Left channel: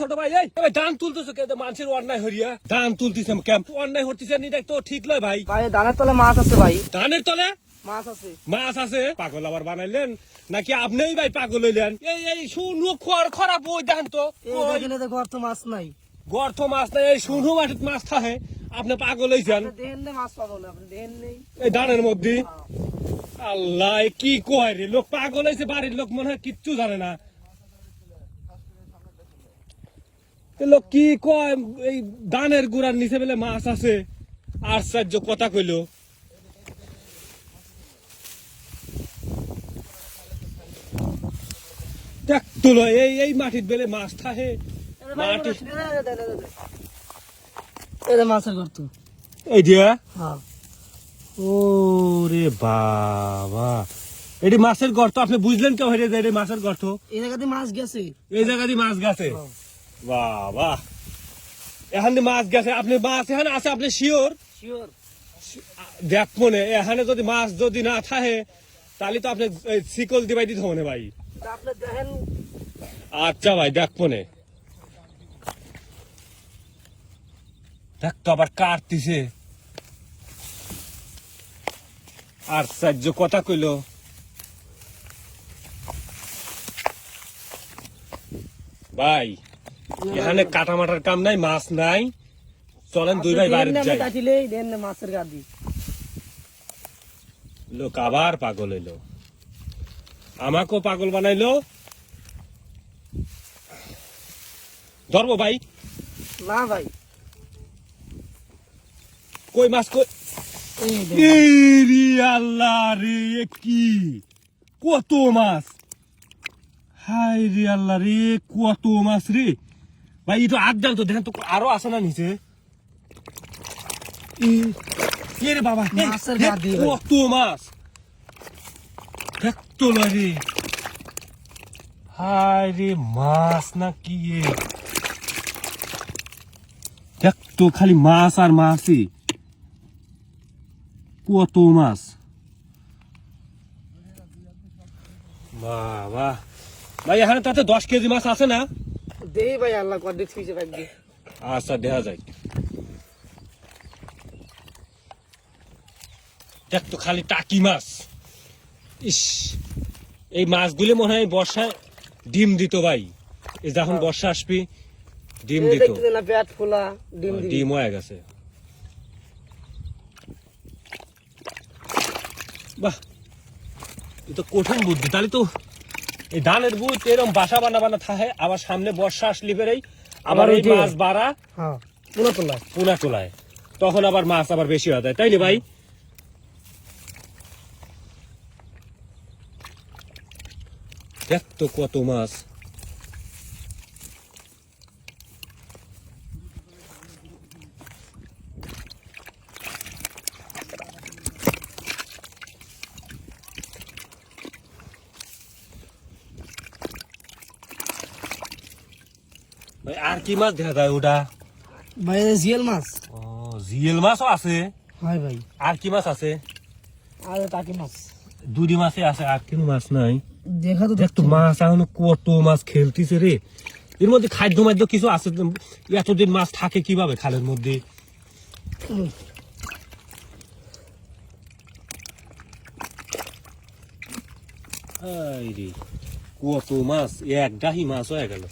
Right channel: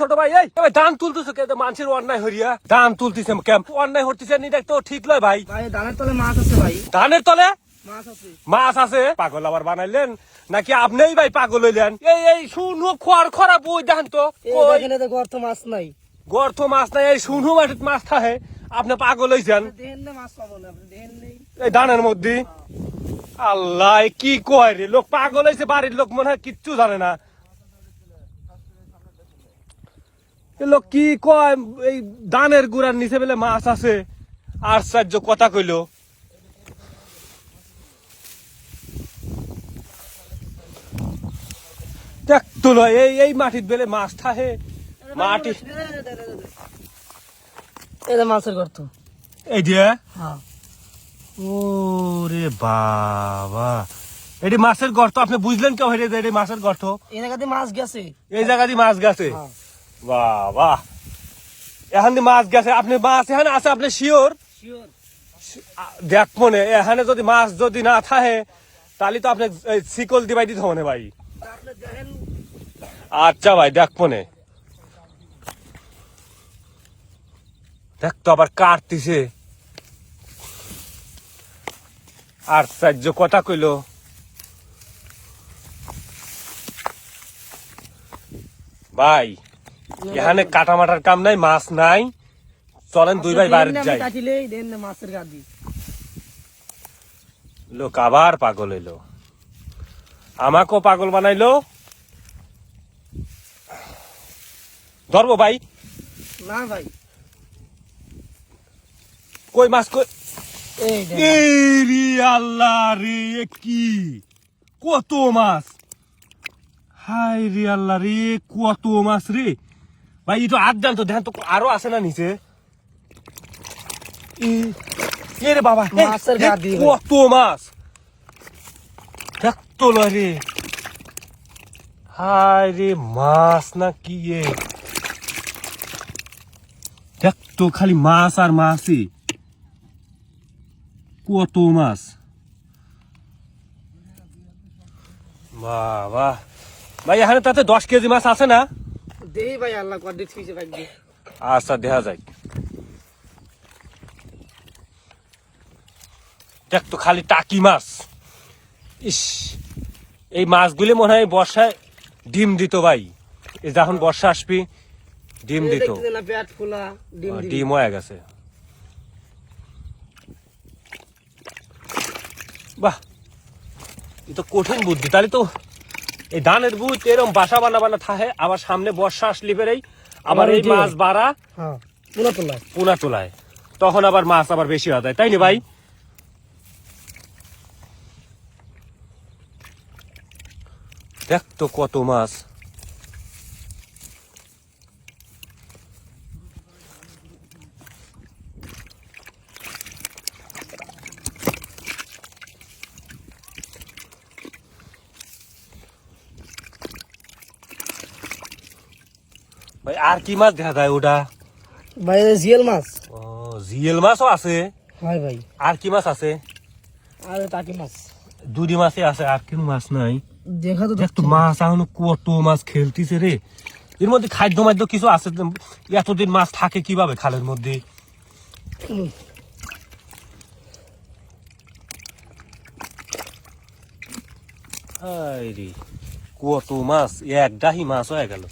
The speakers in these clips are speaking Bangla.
ছোট ভাই এই ভাই ধান তুলতেছে কে মানুষের অন্যায় হরিয়া ধান তুলতেছে ক্যাম্প অন্যায় হতেছে নি দেখ তো ঠিক নয় ভাই ভাই ধানের তলে মাছ আছে ভাই ধানের তলে মাছ আছে মাছ আছে পাগল আবার বানাইলেন নাকি আপনিই ভাই পাগল হইলেন এই শুনু খড় খরা বই ধান তো এখানে তো গর্ত মাছ নাই গর্ত মাছ নাই এই শুনু মাটিত মাছ থাকে আপনি পাগল হইছেন দেখেন না মাছ পাবো না আপনি দেখেন নেই এই ধানের মধ্যে আল্লাহ কি কয় রে লোক পাগল হয়েছে বাড়ির লোক মনে হয় কিচ্ছু জানে না লোক কি কয় এই ধানের গুড়ার নিচে বেলে মাছ আছে আশ্চর্য কথা কইল দেখ তোলো এই মাটির বেলে মাছ থাকে মাটি এটা মাছের গর্ত এই দিয়ে ওরে বাবা এটি মাছের গর্ত আপনি বুঝলেন কেউ হেরে এটি মাছের গর্ত এই জায়গাতে মাছ গেছে এই জায়গা দিয়ে মাছ গেছে বাবা এখান দিয়ে মাছ গেছে আপনি মাছ এখানে আছে আপনি শিওর শিওর দেখ মনে এখানে যদি মাছ যদি না থাকে তাহলে তো আপনি শিকল দিবাই দিতে হবে ভাই আপনি দেখেন আচ্ছা ভাই দেখ মনে দেখ তো আবার কাটতিছে আশ্চর্য কথা কইল ভাই এখানে কাটামাটার কাম নাই মাছ নাই চলেন দুই ভাই বাড়ি যাই কাটিলেই দেন না মাছের গাদি লোক আবার পাগল হইলো আমাকেও পাগল বানাইলো ধরবো ভাই না ভাই কই মাছ কই এই রে আল্লাহ রে কি কত মাছ হাই রে আল্লাহ রে কত মাছ রে ভাই এটা আড্ডান তো দেখেন তো আরো আছে না নিচে রে বাবা মাছের গাদি কত মাছ দেখ তো রে হাই রে মাছ না কি দেখ তো খালি মাছ আর মাছই কত মাছ বাবা ভাই এখানে তাতে 10 কেজি মাছ আছে না দেই ভাই আল্লাহ কর দেখছি ভাই আচ্ছা দেখা যায় দেখ তো খালি টাকি মাছ ইস এই মাছগুলি মনে হয় বর্ষায় ডিম দিত ভাই এই যখন বর্ষা আসবি ডিম দিত দেখতে না পেট খোলা ডিম দিবি ডিম হয়ে গেছে বাহ এ তো কঠিন বুদ্ধি তাহলে তো এই ধানের বুধ এরকম বাসা বানা থাকে আবার সামনে বর্ষা আসলে বেড়েই আবার এই মাছ বাড়া হ্যাঁ পোনা তোলায় তখন আবার মাছ আবার বেশি হয়ে যায় তাই না ভাই দেখ তো কত মাছ ভাই আর কি মাছ দেখা যায় ওটা ভাই জিয়েল মাছ ও জিয়েল মাছও আছে হয় ভাই আর কি মাছ আছে আর টাকি মাছ দুটি মাছই আছে আর কোনো মাছ নাই দেখা তো দেখ তো মাছ এখন কত মাছ খেলতেছে রে এর মধ্যে খাদ্য মাদ্য কিছু আছে এতদিন মাছ থাকে কিভাবে খালের মধ্যে কত মাছ এক ডাহি মাছ হয়ে গেল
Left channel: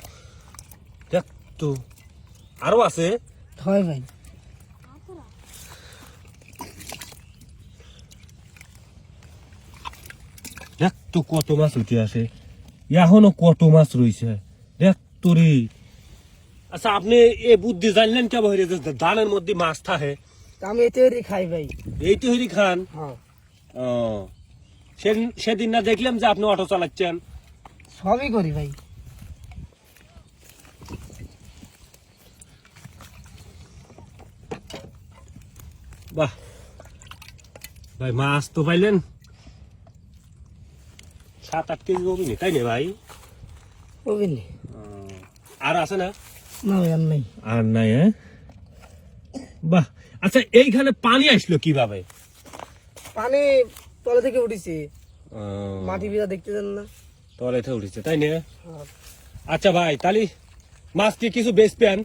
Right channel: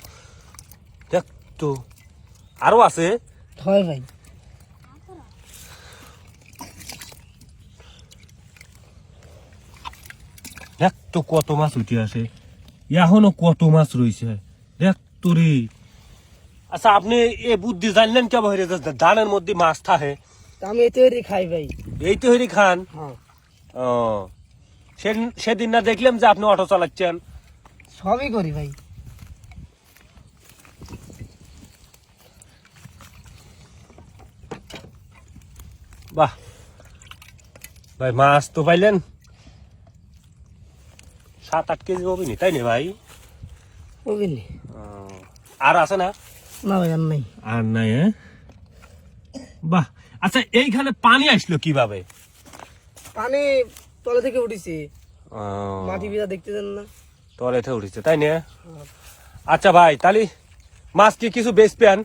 দেখ তো আরো আছে হয় ভাই দেখ তো কত মাছ উঠে আসে এখনো কত মাছ রয়েছে দেখ তো রে আচ্ছা আপনি এ বুদ্ধি জানলেন কেমন হয়ে ধানের মধ্যে মাছ থাকে আমি এতে খাই ভাই এই তো হরি খান হ্যাঁ ও সেদিন না দেখলাম যে আপনি অটো চালাচ্ছেন সবই করি ভাই বাহ ভাই মাছ তো পাইলেন 7-8 কেজি হবে নি তাই না ভাই বুঝলি আর আছে না না ভাই আর নাই আর নাই বাহ আচ্ছা এইখানে পানি আসলো কিভাবে পানি তলে থেকে উঠেছে মাটি ভিজা দেখতে দেন না তলেতে উঠেছে তাই না আচ্ছা ভাই তাহলে মাছ কি কিছু বেশ পেন?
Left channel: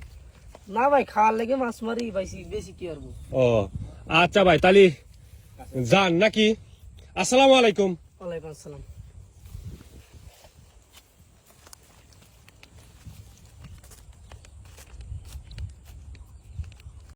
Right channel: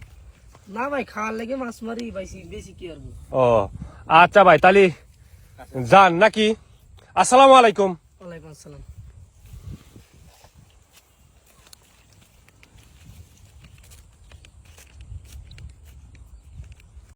না ভাই, খাওয়ার লেগে মাছ মারি পাইছি, বেশি কি করবো। ও আচ্ছা ভাই, তাহলে যান নাকি? আসসালামু আলাইকুম। ওয়ালাইকুম আসসালাম।